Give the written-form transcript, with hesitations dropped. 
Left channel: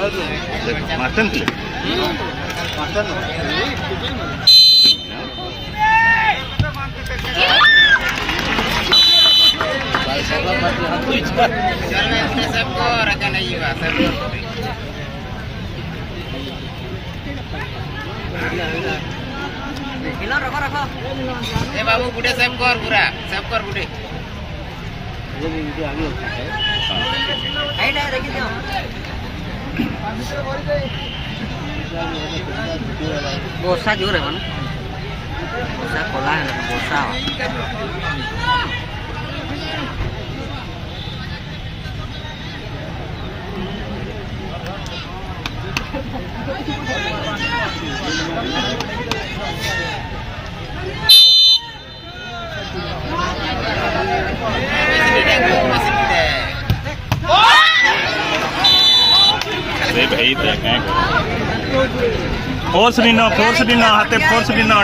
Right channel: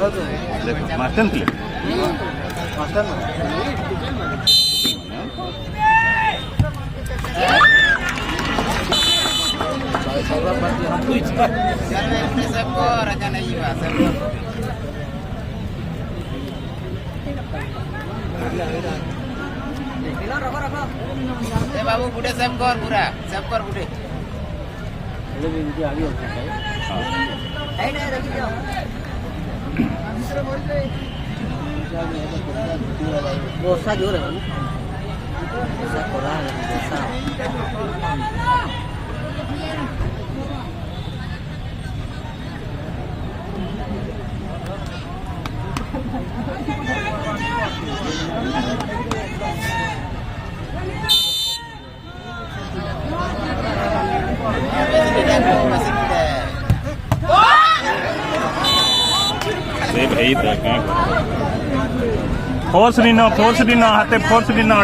mutton थी सबको रखा नहीं हुआ रखो रखो ए बाबू बुढ़े सब कर पूरा सब कर बुढ़े हाइट है देखिए जाओ बोसा जोर है मानो बोसा कोला है ना बोसा भाई फोर्स भी ना हाथे फोर्स भी ना